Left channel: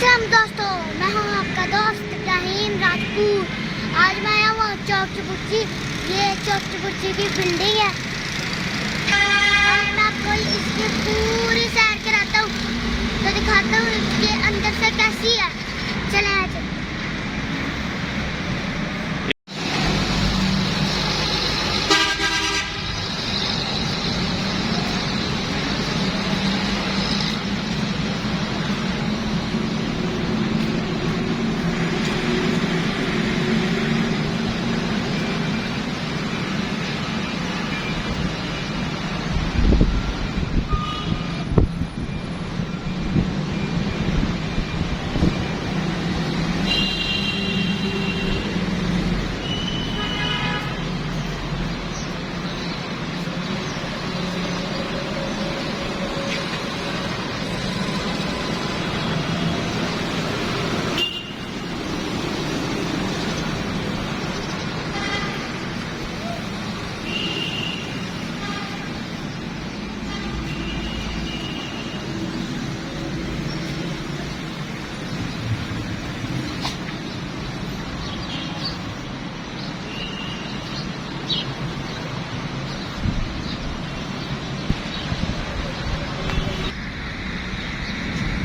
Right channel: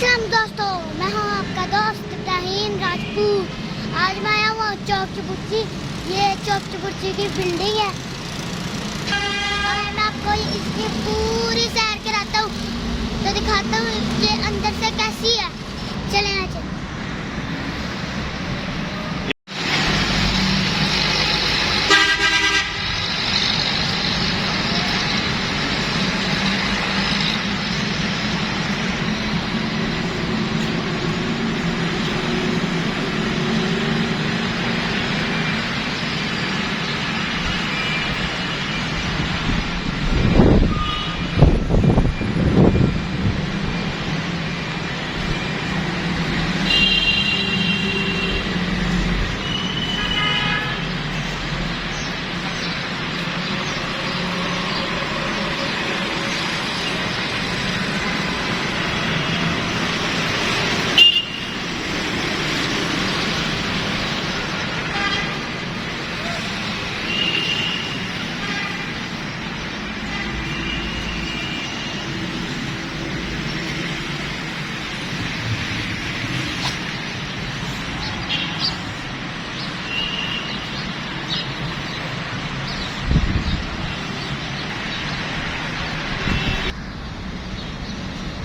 अस्सलाम दोस्तों, मैं हूँ आपका दोस्त इब्राहिम राजपूत। आज मैं आया हूँ चौक चबूतरी। ये चौक चबूतरी की बिल्डिंग है और मैं आपको इसकी पूरी सैर कराता हूँ, तो दिखाता हूँ इसके अंदर से कैसी है। चलें चलें।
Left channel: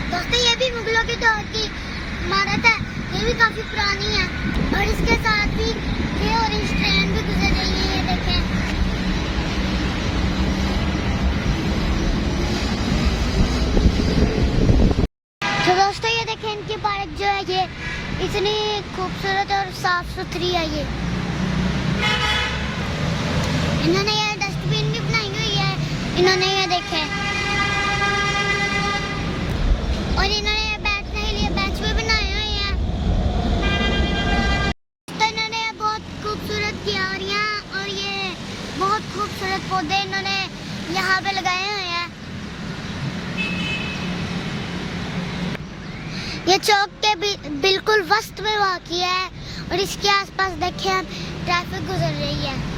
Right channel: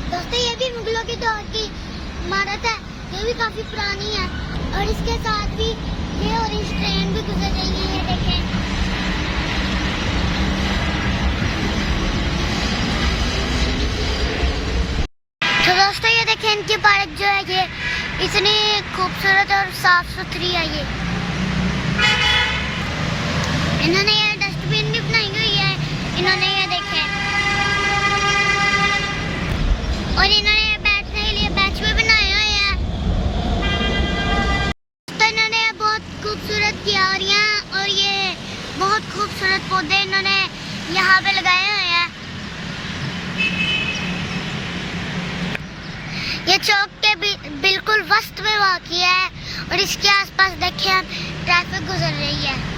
दोस्तों, ये भी मुगलों के दौर की इमारत है। ये भी काफी पुरानी है और इसके साथ भी ये ऑरेंज ट्रेन भी गुजर रही है। देखें, तो दोस्तों ये देखें, इनकी पार्क जो है ये इतनी खूबसूरत और साफ सुथरी है। ये इन्होंने ये डस्टबिन भी बनाई हुई है। इन्होंने ये देखे, और इन्होंने बैठने के लिए बेंच भी बनाए हुए हैं। तो इन्होंने बहुत खूबसूरत क्यारियां और ये बहुत खूबसूरत पौधे इन्होंने यहाँ पे लगाए हुए हैं। ये चौक के बिल्कुल वस्त में वाक़ई है और इसके आसपास देखिए ट्रैफिक गुजर रही है।